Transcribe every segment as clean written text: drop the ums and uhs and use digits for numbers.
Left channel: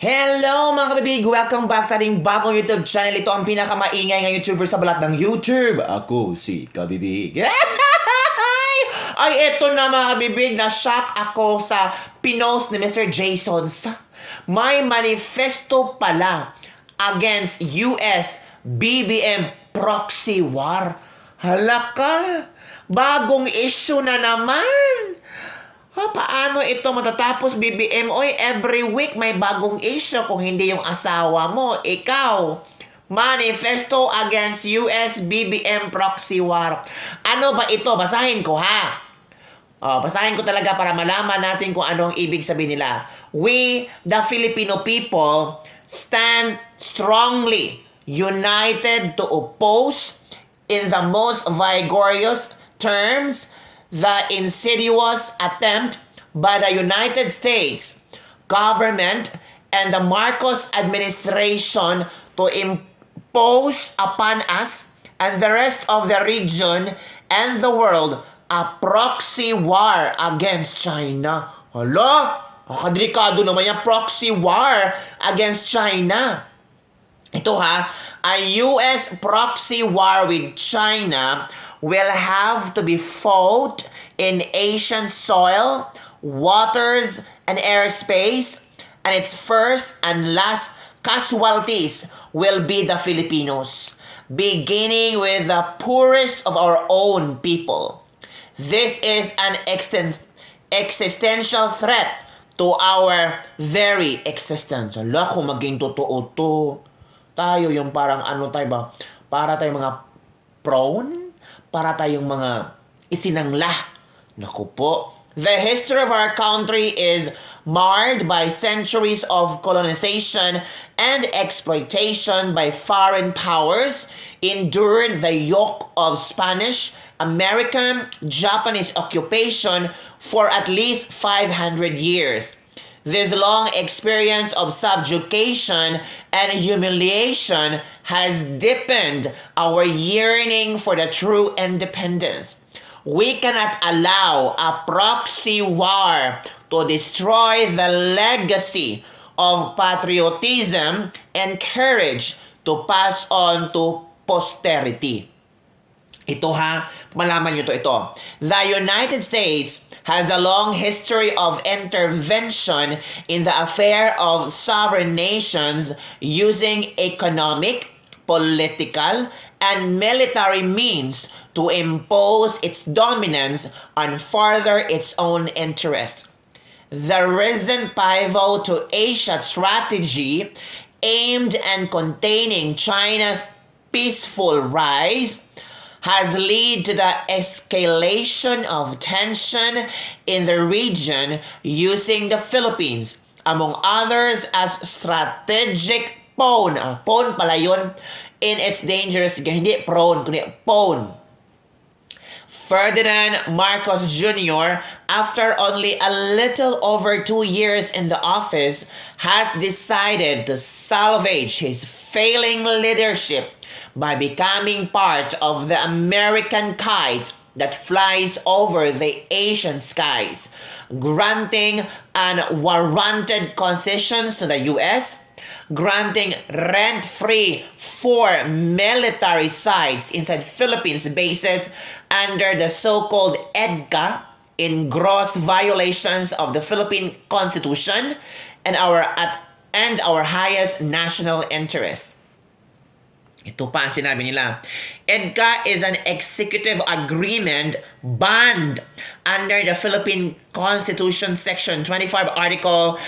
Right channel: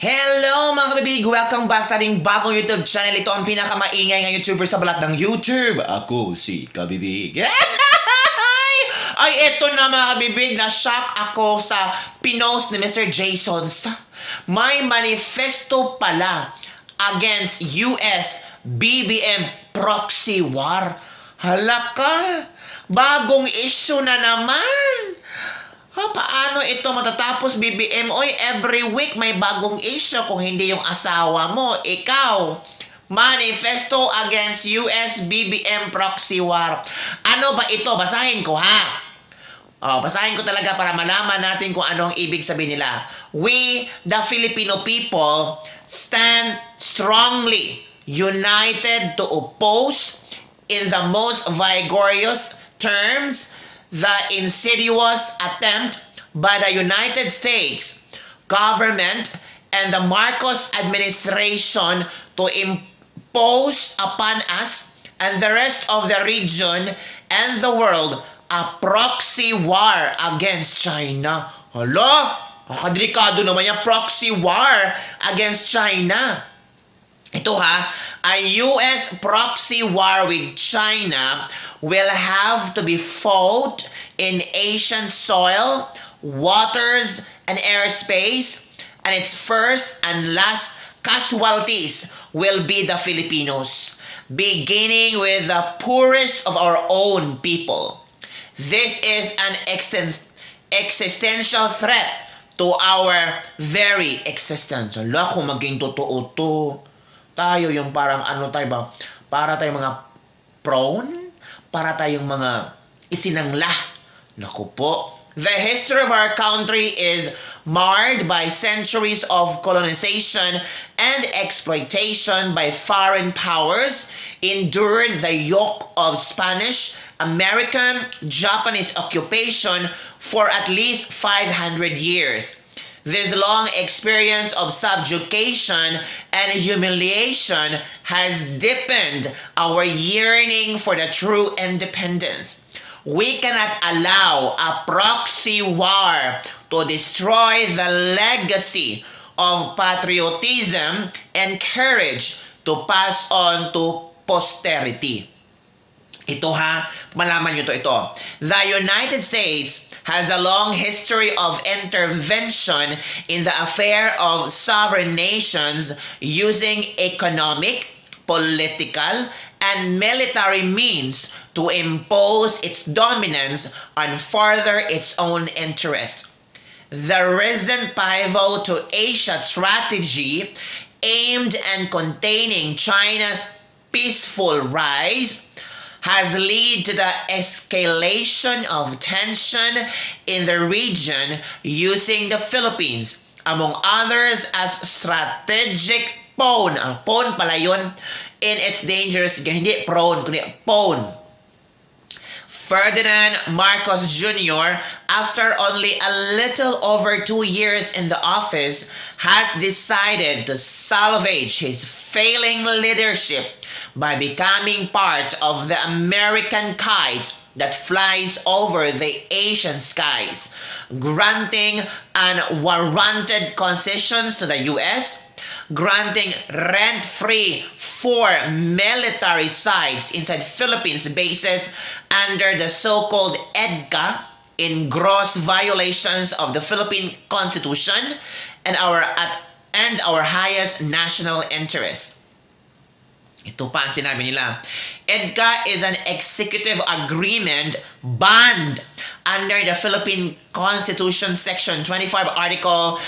Hello mga kabibig! Welcome back sa ating bagong YouTube channel. Ito ang pinakamaingay ng YouTuber sa balat ng YouTube. Ako si Kabibig. Ay, eto na mga kabibig. Na-shock ako sa pinost ni Mr. Jason. May manifesto pala against US BBM proxy war. Halaka! Bagong issue na naman! Paano ito matatapos, BBM? Oy, every week may bagong issue kung hindi yung asawa mo. Ikaw, manifesto against US BBM proxy war. Ano ba ito? Basahin ko, ha? Basahin ko talaga para malaman natin kung ano ang ibig sabihin nila. We, the Filipino people, stand strongly united to oppose in the most vigorous terms the insidious attempt by the United States government and the Marcos administration to impose upon us and the rest of the region and the world a proxy war against China. Hala, delikado naman yung proxy war against China. Ito a US proxy war with China will have to be fought in Asian soil, waters, and airspace, and its first and last casualties will be the Filipinos, beginning with the poorest of our own people. This is an existential threat to our very existence. Ala, kung maging totoo to, tayo yung parang ano tayo ba? Para tayong mga prone? Para tayong mga isinangla. Naku po. The history of our country is marred by centuries of colonization and exploitation by foreign powers, endured the yoke of Spanish, American, Japanese occupation for at least 500 years. This long experience of subjugation and humiliation has deepened our yearning for the true independence. We cannot allow a proxy war to destroy the legacy of patriotism and courage to pass on to posterity. Ito malaman nyo ito. The United States has a long history of intervention in the affair of sovereign nations using economic, political, and military means to impose its dominance and further its own interests. The recent pivot to Asia strategy aimed at containing China's peaceful rise has led to the escalation of tension in the region using the Philippines, among others, as strategic pawn. Ang pawn pala yun in its dangerous game. Hindi prone, kundi pawn. Ferdinand Marcos Jr., after only a little over 2 years in the office, has decided to salvage his failing leadership by becoming part of the American kite that flies over the Asian skies, granting unwarranted concessions to the US, granting rent-free 4 military sites inside Philippines bases under the so-called EDCA in gross violations of the Philippine Constitution and our highest national interest. Ito pa ang sinabi nila. EDCA is an executive agreement banned under the Philippine Constitution Section 25 Article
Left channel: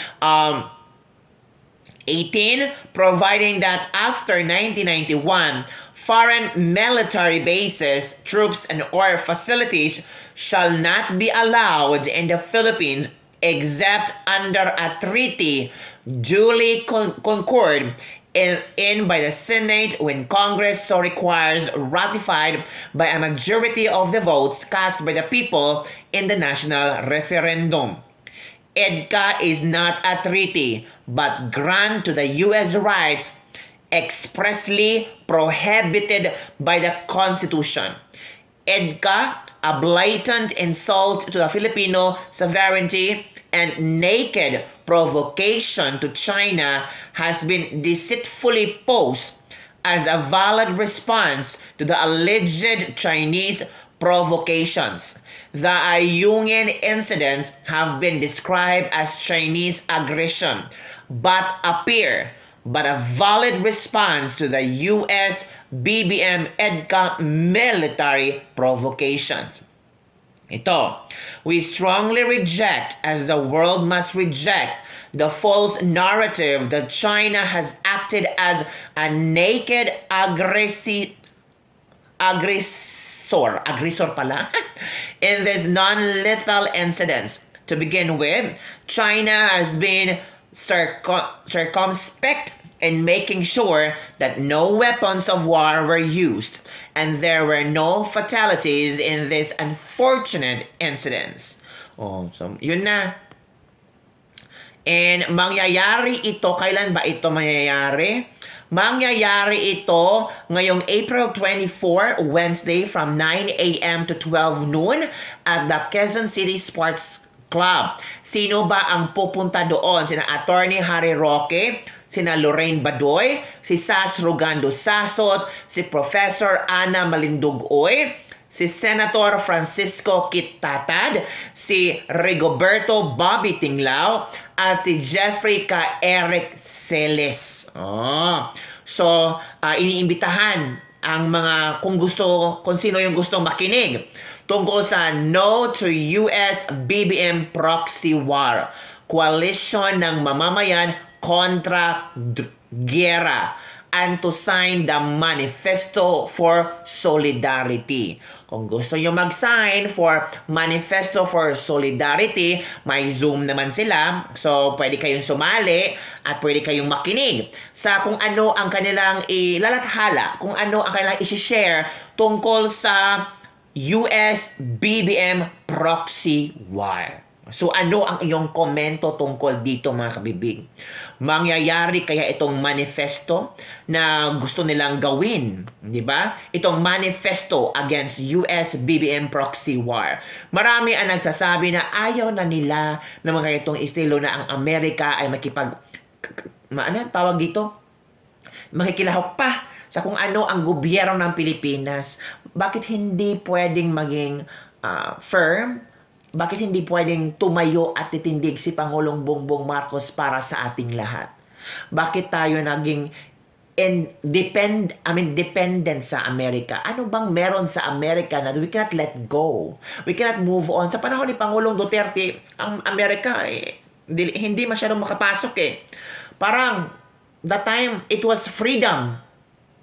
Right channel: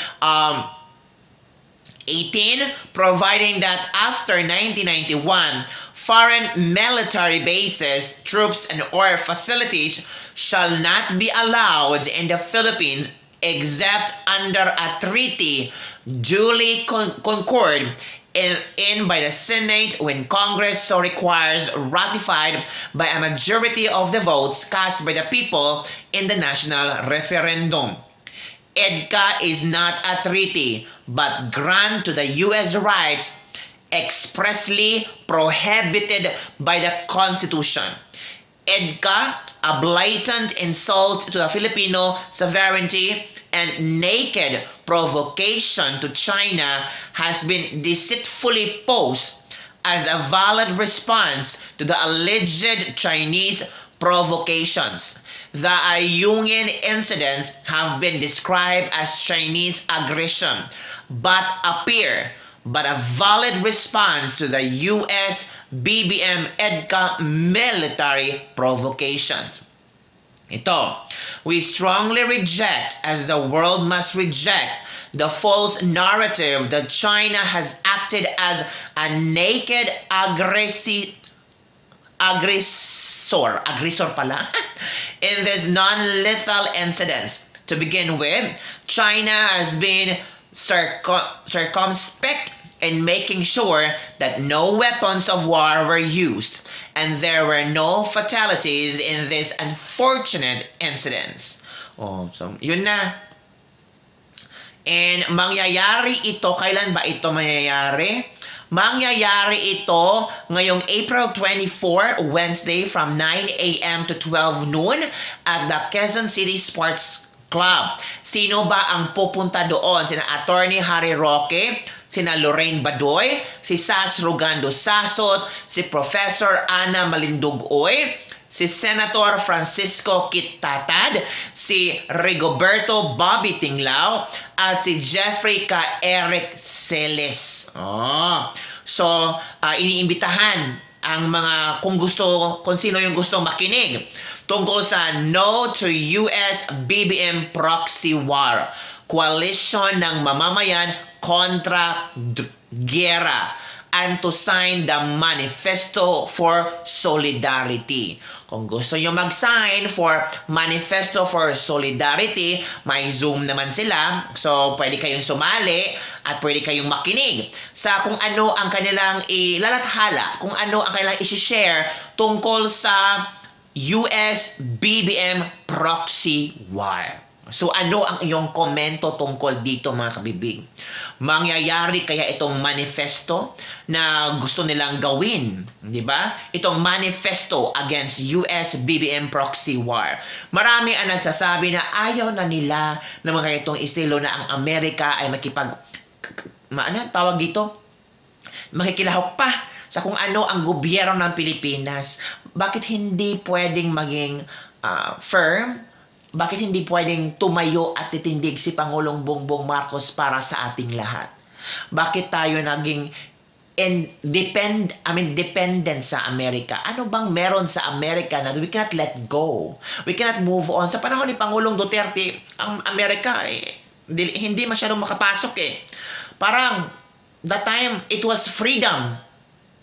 18, providing that after 1991, foreign military bases, troops, and or facilities shall not be allowed in the Philippines except under a treaty duly concurred in by the Senate when Congress so requires, ratified by a majority of the votes cast by the people in the national referendum. EDCA is not a treaty, but grant to the U.S. rights expressly prohibited by the Constitution. EDCA, a blatant insult to the Filipino sovereignty, and naked provocation to China has been deceitfully posed as a valid response to the alleged Chinese provocations. The Ayungin incidents have been described as Chinese aggression, but a valid response to the US BBM EDCA military provocations. Ito, we strongly reject, as the world must reject, the false narrative that China has acted as a naked aggressor pala, in this non-lethal incidents. To begin with, China has been circumspect in making sure that no weapons of war were used and there were no fatalities in these unfortunate incidents. Oh, so yun na. And mangyayari ito, kailan ba ito mangyayari? Mangyayari ito ngayong April 24, Wednesday from 9 a.m. to 12 noon at the Quezon City Sports Club. Sino ba ang pupunta doon? Sina Attorney Harry Roque, sina Lorraine Badoy, si Sas Rogando Sasot, si Professor Ana Malindugoy, si Senator Francisco Kittatad, si Rigoberto Bobby Tinglao, at si Jeffrey K. Eric Celes. So, iniimbitahan ang mga, kung sino yung gustong makinig tungkol sa No to US BBM Proxy War, Coalition ng Mamamayan kontra Gera, and to sign the Manifesto for Solidarity. Kung gusto nyo mag-sign for Manifesto for Solidarity, may Zoom naman sila. So, pwede kayong sumali at pwede kayong makinig sa kung ano ang kanilang ilalathala, kung ano ang kanilang isi-share tungkol sa US BBM Proxy War. So ano ang iyong komento tungkol dito, mga kabibig? Mangyayari kaya itong manifesto na gusto nilang gawin, di ba? Itong manifesto against US BBM Proxy War. Marami ang nagsasabi na ayaw na nila na mga itong estilo na ang Amerika ay tawag dito? Makikilahok pa sa kung ano ang gobyerno ng Pilipinas. Bakit hindi pwedeng maging firm? Bakit hindi pwedeng tumayo at titindig si Pangulong Bongbong Marcos para sa ating lahat? Bakit tayo naging dependent sa Amerika? Ano bang meron sa Amerika na we cannot let go? We cannot move on. Sa panahon ni Pangulong Duterte, ang Amerika hindi masyadong makapasok eh. Parang the time it was freedom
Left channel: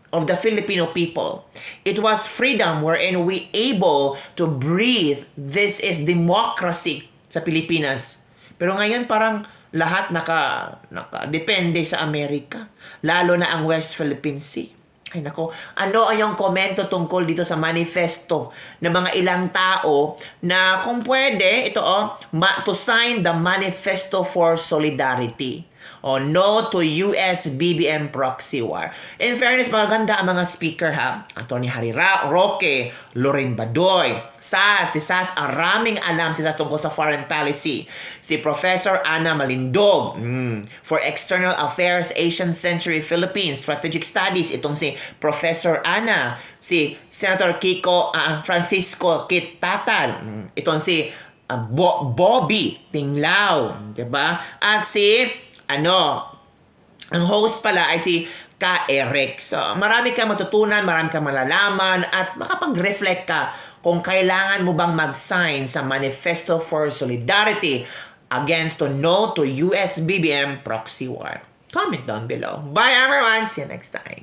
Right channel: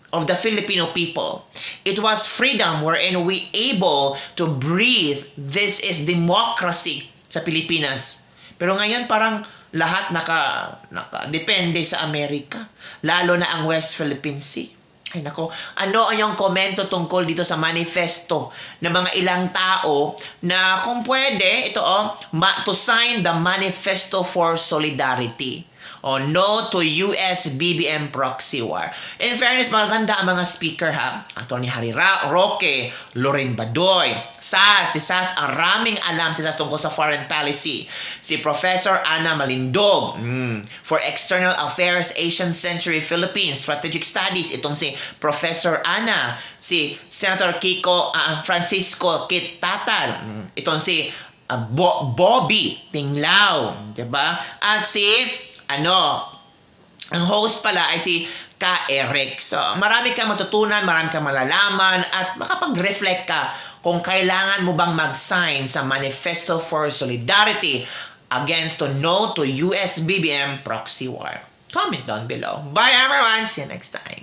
of the Filipino people. It was freedom wherein we able to breathe. This is democracy sa Pilipinas. Pero ngayon parang lahat depende sa Amerika. Lalo na ang West Philippine Sea. Ay nako, ano ang iyong komento tungkol dito sa manifesto ng mga ilang tao na kung pwede, to sign the Manifesto for Solidarity. No to US BBM Proxy War. In fairness, maganda ang mga speaker ha. Attorney Harry Roque, Lorraine Badoy, si Sas, raming alam si Sas tungkol sa foreign policy. Si Professor Ana Malindog, for External Affairs, Asian Century Philippines, Strategic Studies, itong si Professor Ana. Si Senator Francisco Kittatad, itong si Bobby Tinglao, diba? At si ang host pala ay si K. Eric. So, marami kang matutunan, marami kang malalaman, at makapag-reflect ka kung kailangan mo bang mag-sign sa Manifesto for Solidarity against No to US BBM Proxy War. Comment down below. Bye everyone! See you next time.